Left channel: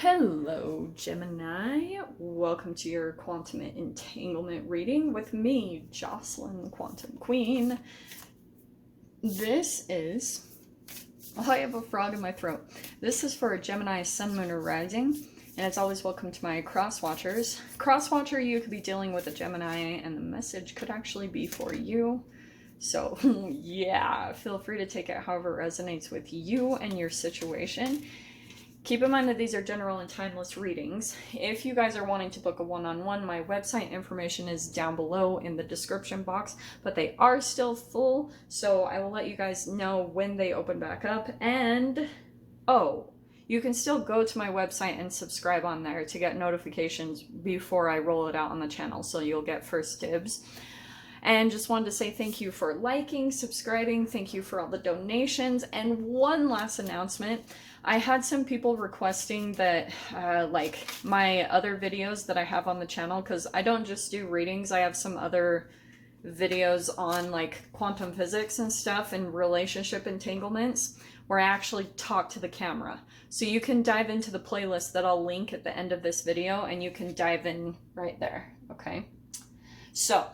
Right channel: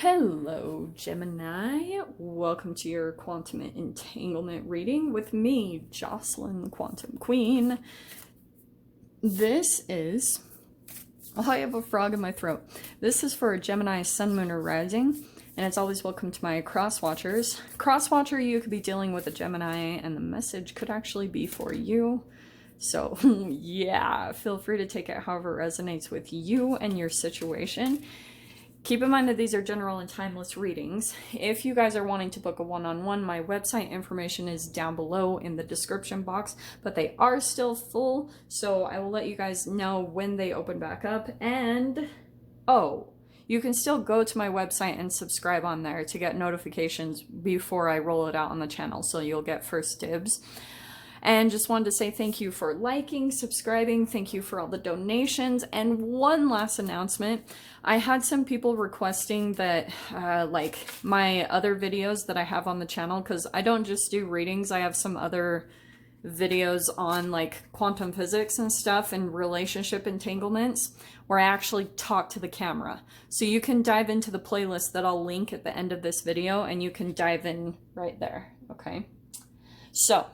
Hello, Gemini. Welcome to your quantum entanglement reading with me, Jocelyn, Quantum Queen. This is... Oh, I have a frog in my throat. This is for Gemini, Sun, Moon, or Rising, and it's always welcome to my cross-watchers. Cross-watcher, you could be dealing with a Gemini, and the message could actually be for you. So, yeah, feel free to take it however it resonates with you and your situation. Keep in mind that these are general and timeless readings. If you guys are wanting to book a one-on-one, my website information is down below in the description box, but they are still full, so I will let you guys know when they open back up. And, oh, you can still go to my website and subscribe on there to get notifications before I roll it out on the channel, so you'll get first dibs. And just wanted to say thank you for liking, subscribing, thank you for all the donations, and one last announcement. I had some people requesting that, like, my other videos that I have on the channel, because I don't just do readings, I have some other videos on, like, quantum physics and stuff and relationship entanglements, where I actually talk to the camera. So you can dive into the playlist that I'll link at the end of this video, and you can dive in right there, okay? So,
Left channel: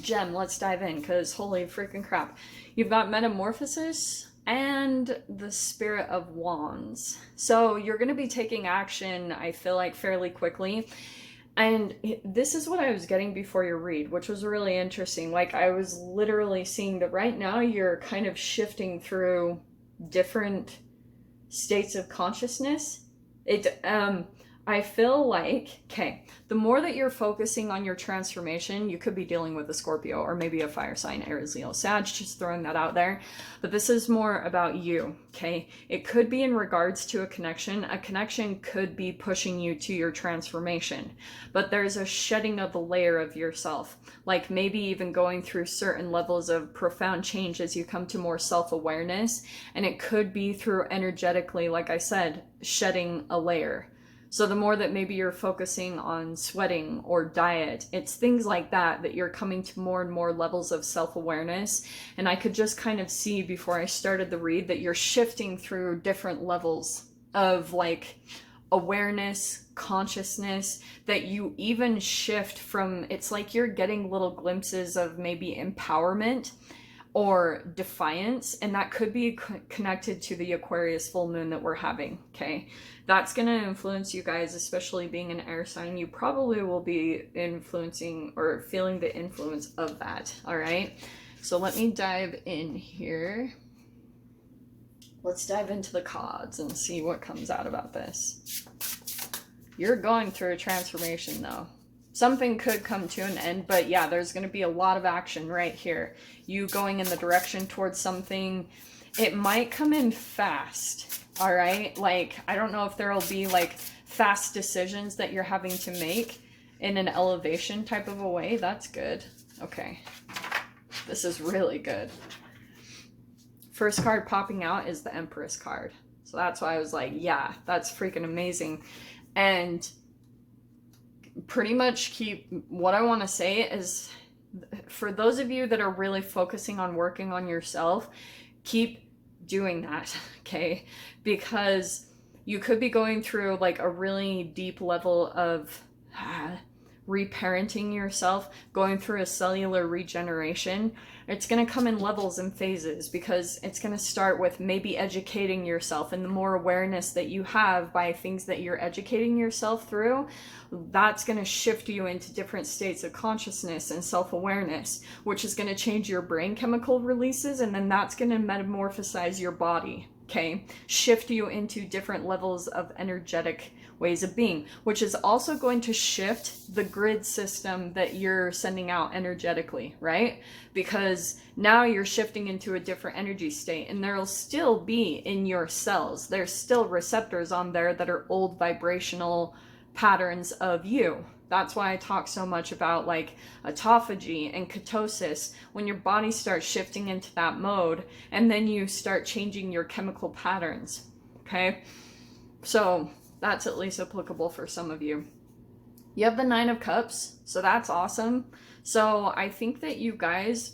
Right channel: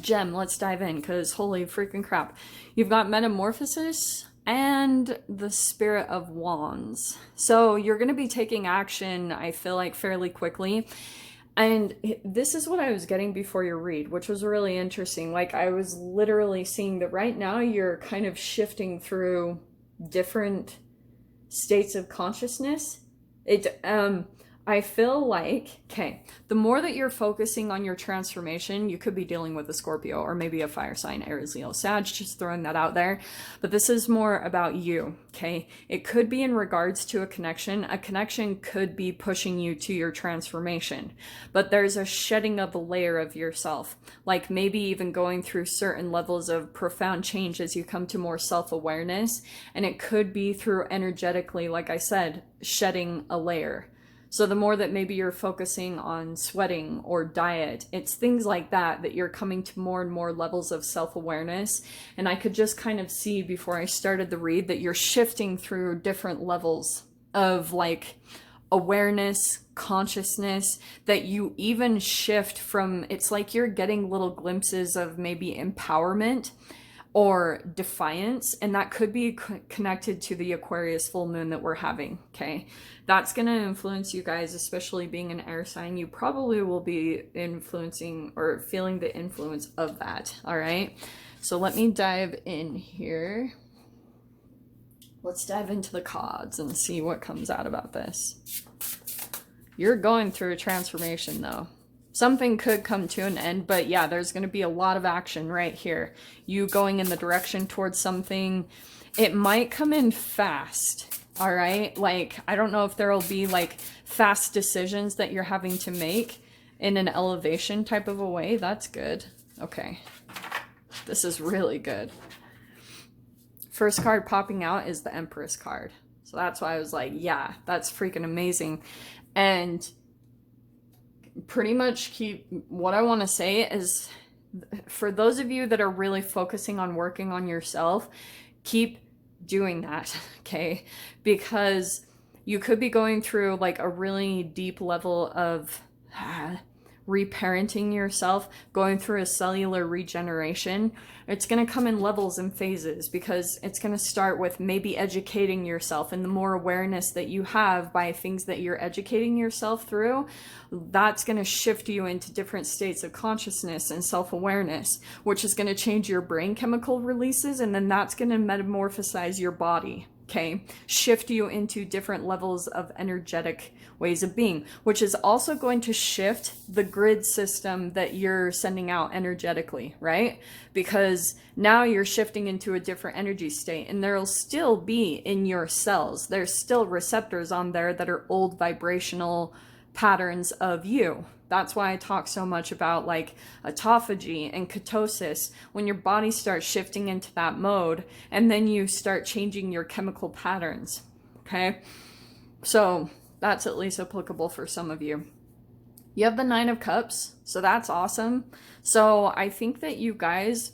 Gem, let's dive in, because holy freaking crap. You've got Metamorphosis and the Spirit of Wands. So you're going to be taking action, I feel like, fairly quickly. And this is what I was getting before your read, which was really interesting. Like, I was literally seeing that right now you're kind of shifting through different states of consciousness. I feel like, okay, the more that you're focusing on your transformation, you could be dealing with a Scorpio or maybe a fire sign, Aries, Leo, Sag, just throwing that out there. But this is more about you, okay? It could be in regards to a connection. A connection could be pushing you to your transformation. But there's a shedding of a layer of yourself, like maybe even going through certain levels of profound change as you come to more self-awareness. And it could be through energetically, like I said, shedding a layer. So the more that maybe you're focusing on sweating or diet, it's things like that that you're coming to more and more levels of self-awareness. And I could just kind of see before I started the read that you're shifting through different levels of like awareness, consciousness, that you even shift from, it's like you're getting little glimpses of maybe empowerment or defiance, and that could be connected to the Aquarius full moon that we're having, okay? That's going to influence you guys, especially being an air sign. You probably will be influencing or feeling the influence of that, all right? So let me dive in here. Let's dive into the cards and see what comes out about this. You're going through a transformation, though. Something could come to an end, but yeah, there's going to be a lot of action right here. You going in the direction towards something. It might come in fast, all right? Like, I don't know if there'll be like fast decisions that you're having to make in an elevation type of a way. That's good. Okay. This is really good. First card popping out is the Empress card. So that's why I was like, yeah, that's freaking amazing. And pretty much what I want to say is, for those of you that are really focusing on working on yourself, keep doing that, okay? Because you could be going through like a really deep level of reparenting yourself, going through a cellular regeneration. It's going to come in levels and phases, because it's going to start with maybe educating yourself, and the more awareness that you have by things that you're educating yourself through, that's going to shift you into different states of consciousness and self-awareness, which is going to change your brain chemical releases, and then that's going to metamorphosize your body, okay? Shift you into different levels of energetic ways of being, which is also going to shift the grid system that you're sending out energetically, right? Because now you're shifting into a different energy state, and there'll still be in your cells, there's still receptors on there that are old vibrational patterns of you. That's why I talk so much about like autophagy and ketosis, when your body starts shifting into that mode, and then you start changing your chemical patterns, okay? So that's at least applicable for some of you. You have the Nine of Cups, so that's awesome. So I think that you guys,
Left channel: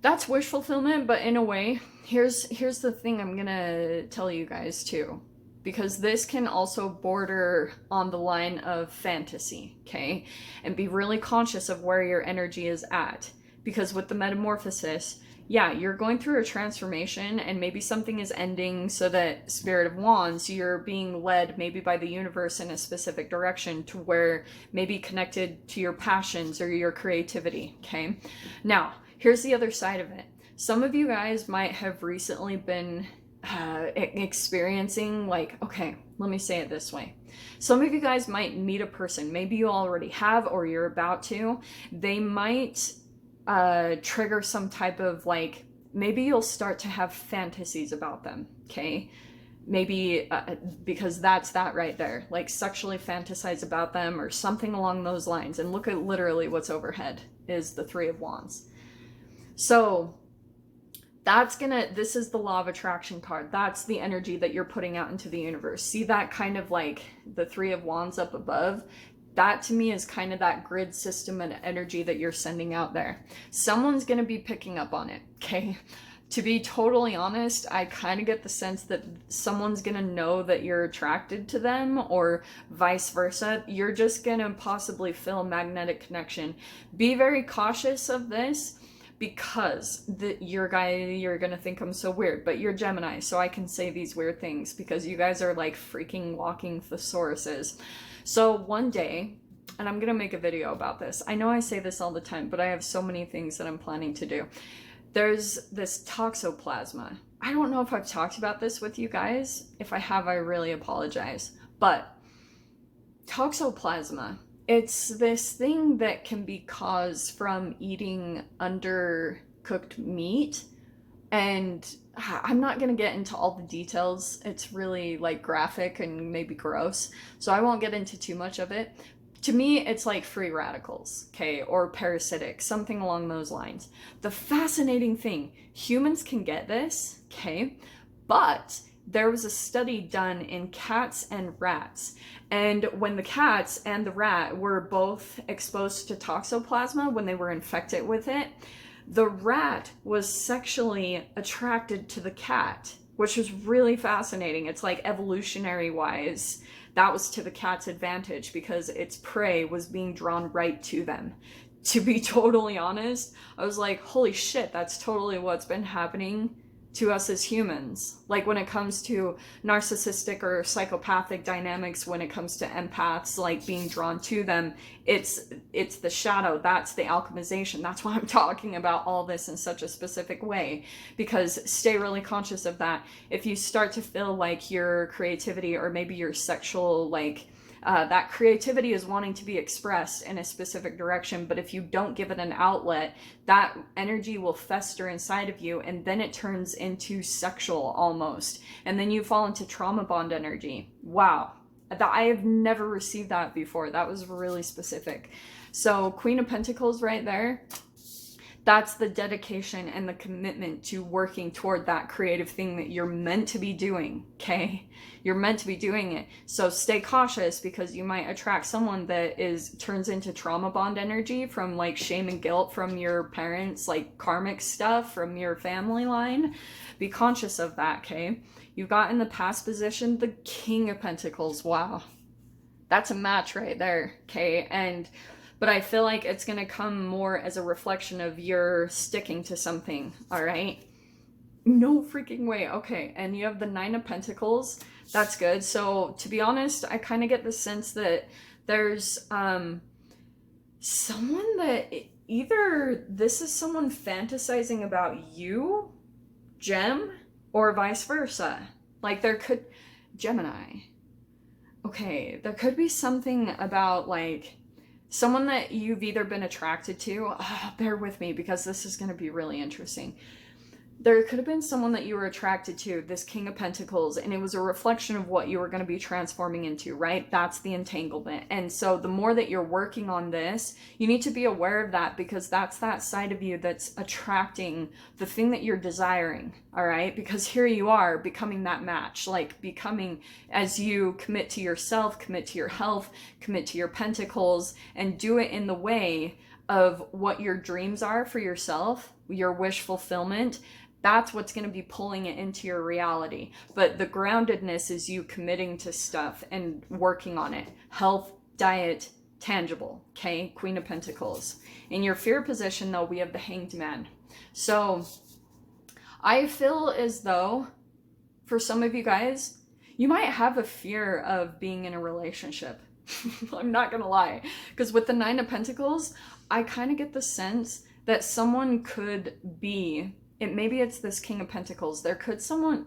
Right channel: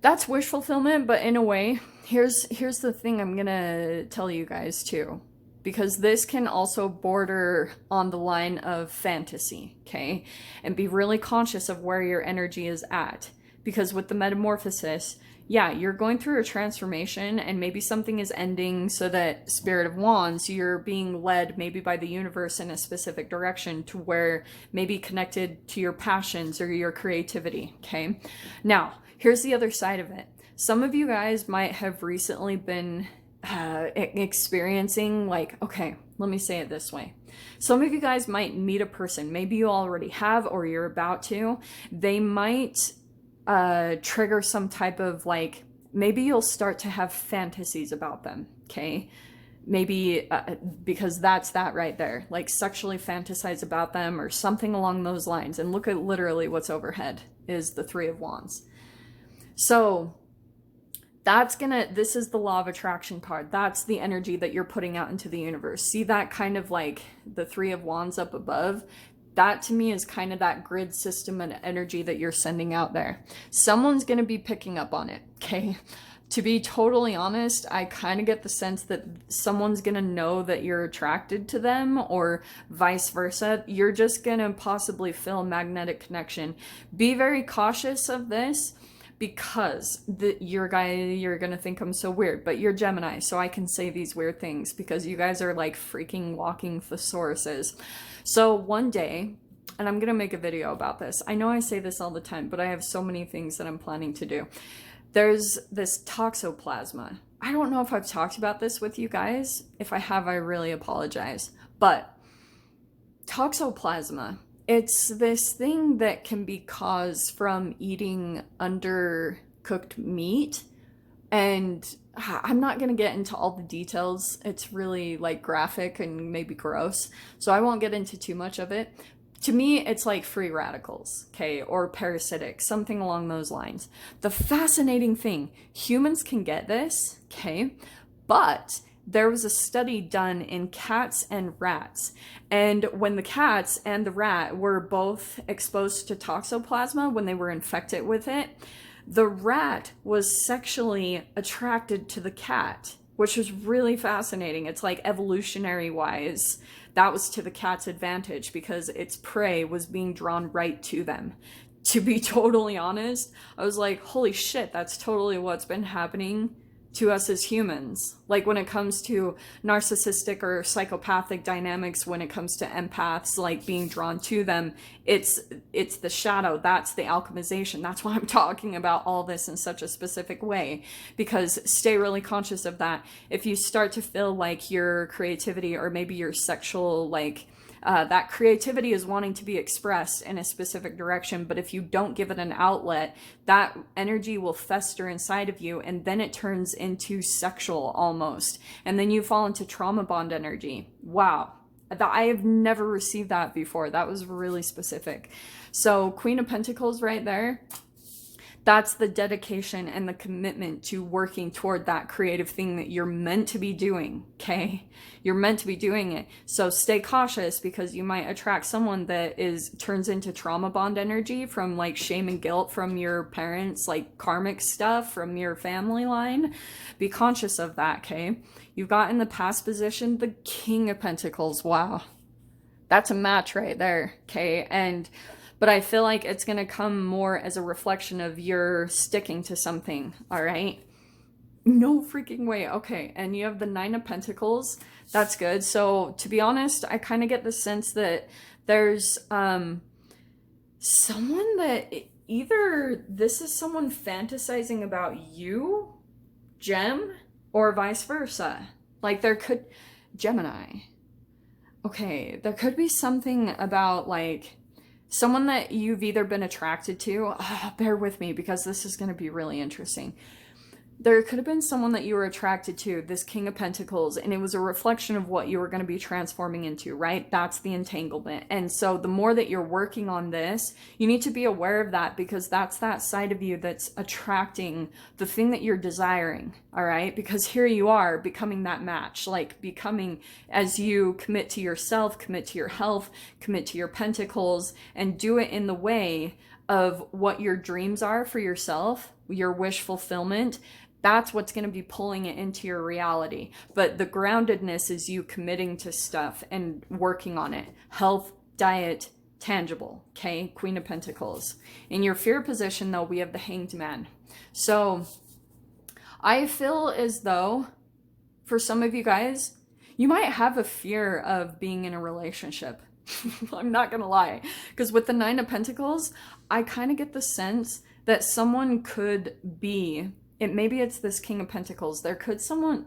that's wish fulfillment, but in a way, here's the thing I'm gonna tell you guys too. because this can also border on the line of fantasy, okay? And be really conscious of where your energy is at. Because with the metamorphosis, yeah, you're going through a transformation and maybe something is ending, so that Spirit of Wands, you're being led maybe by the universe in a specific direction to where maybe connected to your passions or your creativity, okay? Now, here's the other side of it. Some of you guys might have recently been experiencing, like, okay, let me say it this way. Some of you guys might meet a person, maybe you already have or you're about to. They might trigger some type of, like, maybe you'll start to have fantasies about them, okay? Maybe because that's that right there, like sexually fantasize about them or something along those lines. And look at literally what's overhead is the Three of Wands. So this is the law of attraction card. That's the energy that you're putting out into the universe. See that kind of like the Three of Wands up above? That to me is kind of that grid system and energy that you're sending out there. Someone's going to be picking up on it, okay? To be totally honest, I kind of get the sense that someone's going to know that you're attracted to them, or vice versa. You're just going to possibly feel a magnetic connection. Be very cautious of this, because you're gonna think I'm so weird, but you're Gemini, so I can say these weird things because you guys are like freaking walking thesauruses. So one day, and I'm gonna make a video about this. I know I say this all the time, but I have so many things that I'm planning to do. There's this toxoplasma. I don't know if I've talked about this with you guys. If I have, I really apologize. But toxoplasma, it's this thing that can be caused from eating undercooked meat. And I'm not going to get into all the details. It's really like graphic and maybe gross. So I won't get into too much of it. To me, it's like free radicals, okay, or parasitic, something along those lines. The fascinating thing, humans can get this, okay, but there was a study done in cats and rats. And when the cats and the rat were both exposed to toxoplasma, when they were infected with it, the rat was sexually attracted to the cat, which was really fascinating. It's like evolutionary wise, that was to the cat's advantage because its prey was being drawn right to them. To be totally honest, I was like, holy shit, that's totally what's been happening to us as humans. Like when it comes to narcissistic or psychopathic dynamics, when it comes to empaths, like being drawn to them, it's the shadow. That's the alchemization. That's why I'm talking about all this in such a specific way, because stay really conscious of that. If you start to feel like your creativity or maybe your sexual, like that creativity is wanting to be expressed in a specific direction, but if you don't give it an outlet, that energy will fester inside of you, and then it turns into sexual almost, and then you fall into trauma bond energy. Wow, I have never received that before. That was really specific. So Queen of Pentacles right there, that's the dedication and the commitment to working toward that creative thing that you're meant to be doing, okay? You're meant to be doing it. So stay cautious, because you might attract someone that turns into trauma bond energy from like shame and guilt from your parents, like karmic stuff from your family line. Be conscious of that, okay? You've got in the past position the King of Pentacles. Wow. That's a match right there, okay? But I feel like it's going to come more as a reflection of your sticking to something, all right? No freaking way. Okay, and you have the Nine of Pentacles. That's good. So, to be honest, I kind of get the sense that there's someone that either this is someone fantasizing about you, Gem, or vice versa. Like there could, Gemini. Okay, there could be something about like someone that you've either been attracted to. Bear with me because this is going to be really interesting. There could have been someone that you were attracted to, this King of Pentacles, and it was a reflection of what you were going to be transforming into, right? That's the entanglement. And so the more that you're working on this, you need to be aware of that, because that's that side of you that's attracting the thing that you're desiring, all right? Because here you are becoming that match, like becoming, as you commit to yourself, commit to your health, commit to your pentacles, and do it in the way of what your dreams are for yourself, your wish fulfillment. That's what's going to be pulling it into your reality. But the groundedness is you committing to stuff and working on it. Health, diet, tangible. Okay, Queen of Pentacles. In your fear position, though, we have the Hanged Man. So I feel as though for some of you guys, you might have a fear of being in a relationship. I'm not gonna lie, because with the Nine of Pentacles, I kind of get the sense that someone could be, maybe it's this King of Pentacles, there could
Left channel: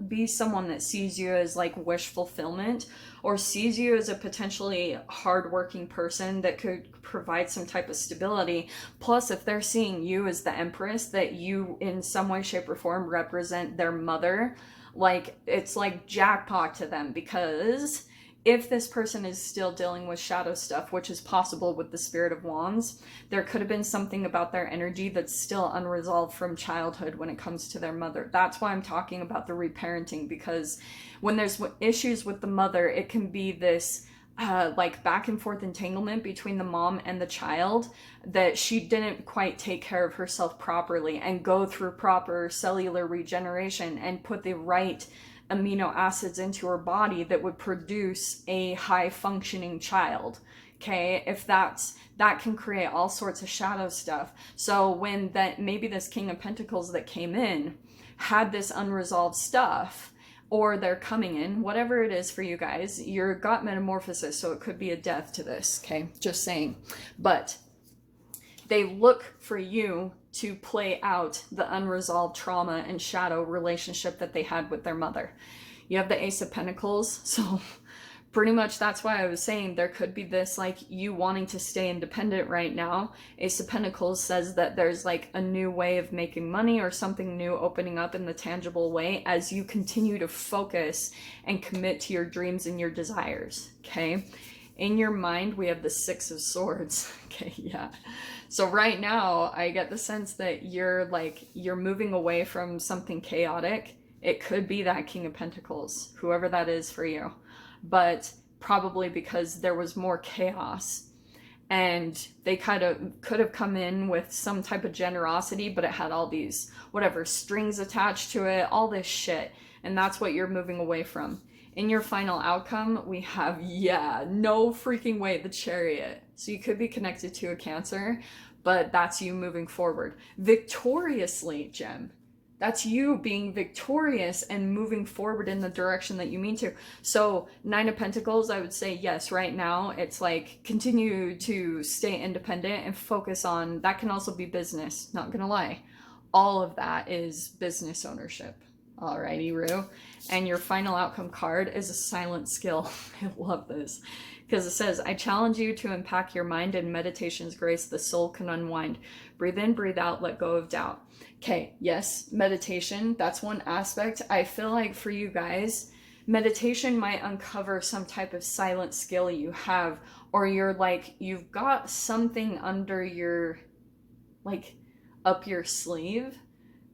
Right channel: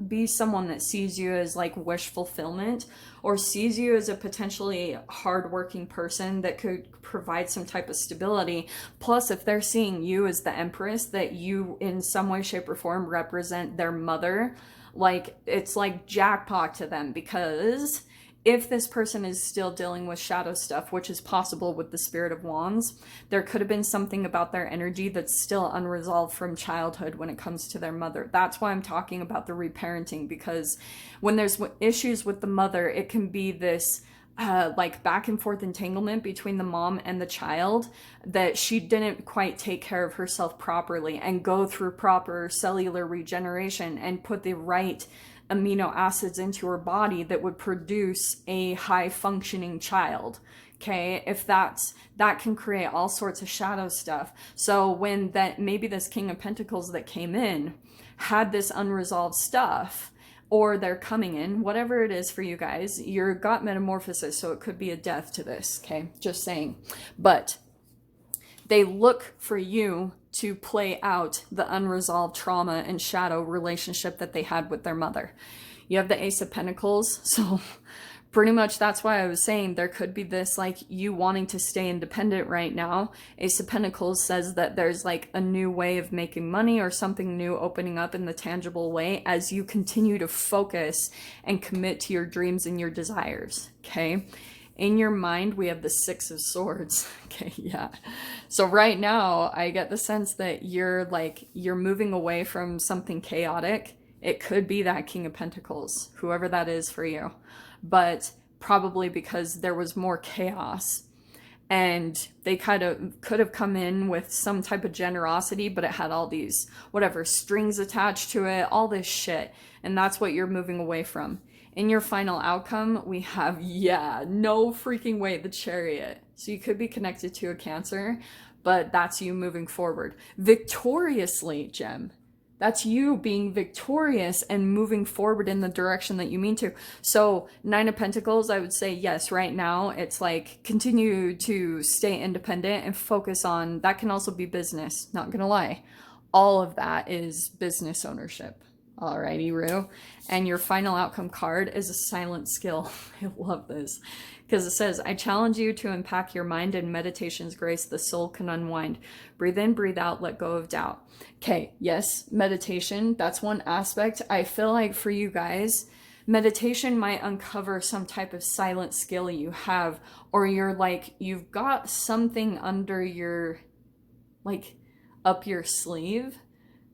be someone that sees you as like wish fulfillment, or sees you as a potentially hardworking person that could provide some type of stability. Plus, if they're seeing you as the Empress, that you in some way, shape, or form represent their mother, like it's like jackpot to them. Because if this person is still dealing with shadow stuff, which is possible with the Spirit of Wands, there could have been something about their energy that's still unresolved from childhood when it comes to their mother. That's why I'm talking about the reparenting, because when there's issues with the mother, it can be this like back and forth entanglement between the mom and the child, that she didn't quite take care of herself properly and go through proper cellular regeneration and put the right amino acids into her body that would produce a high functioning child. Okay, if that can create all sorts of shadow stuff. So when that, maybe this King of Pentacles that came in had this unresolved stuff, or they're coming in, whatever it is for you guys, you've got Metamorphosis, so it could be a death to this, okay? Just saying. But they look for you to play out the unresolved trauma and shadow relationship that they had with their mother. You have the Ace of Pentacles, so pretty much that's why I was saying there could be this, like, you wanting to stay independent right now. Ace of Pentacles says that there's like a new way of making money or something new opening up in the tangible way as you continue to focus and commit to your dreams and your desires, okay? In your mind, we have the Six of Swords. Okay, yeah. So right now, I get the sense that you're moving away from something chaotic. It could be that King of Pentacles, whoever that is for you. But probably because there was more chaos. And they kind of could have come in with some type of generosity, but it had all these, whatever, strings attached to it, all this shit. And that's what you're moving away from. In your final outcome, we have, yeah, no freaking way, the Chariot. So you could be connected to a Cancer, but that's you moving forward. Victoriously, Gem. That's you being victorious and moving forward in the direction that you mean to. So Nine of Pentacles, I would say, yes, right now, it's like continue to stay independent and focus on, that can also be business, not gonna lie. All of that is business ownership. Alrighty, Rue. And your final outcome card is a silent skill. I love this. Because it says, I challenge you to unpack your mind in meditation's grace the soul can unwind. Breathe in, breathe out, let go of doubt. Okay, yes, meditation, that's one aspect. I feel like for you guys, meditation might uncover some type of silent skill you have, or you're like, you've got something under your, like, up your sleeve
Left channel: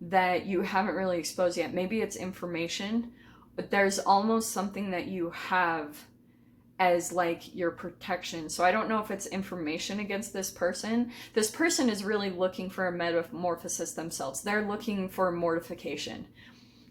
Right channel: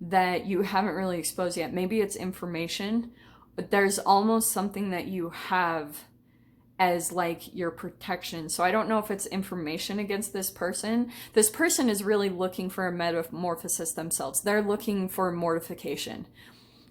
that you haven't really exposed yet. Maybe it's information, but there's almost something that you have as like your protection. So I don't know if it's information against this person. This person is really looking for a metamorphosis themselves. They're looking for mortification.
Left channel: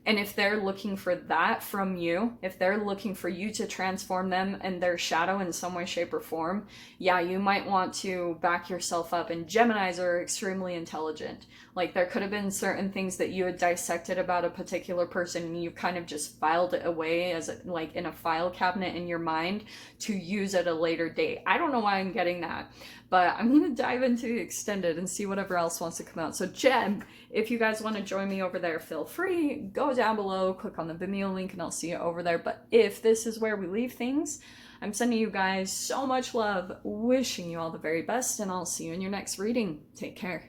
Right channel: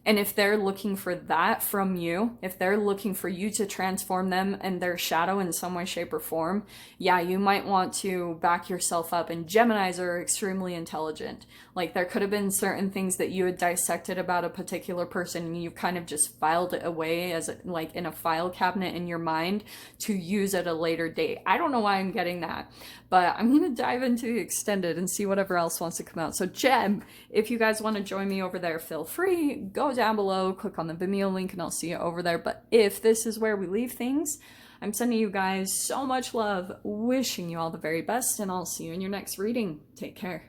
And if they're looking for that from you, if they're looking for you to transform them and their shadow in some way, shape, or form, yeah, you might want to back yourself up. And Geminis are extremely intelligent. Like, there could have been certain things that you had dissected about a particular person and you kind of just filed it away as like in a file cabinet in your mind to use at a later date. I don't know why I'm getting that, but I'm going to dive into the extended and see whatever else wants to come out. So Gem, if you guys want to join me over there, feel free. Go down below, click on the Vimeo link, and I'll see you over there. But if this is where we leave things, I'm sending you guys so much love, wishing you all the very best, and I'll see you in your next reading. Take care.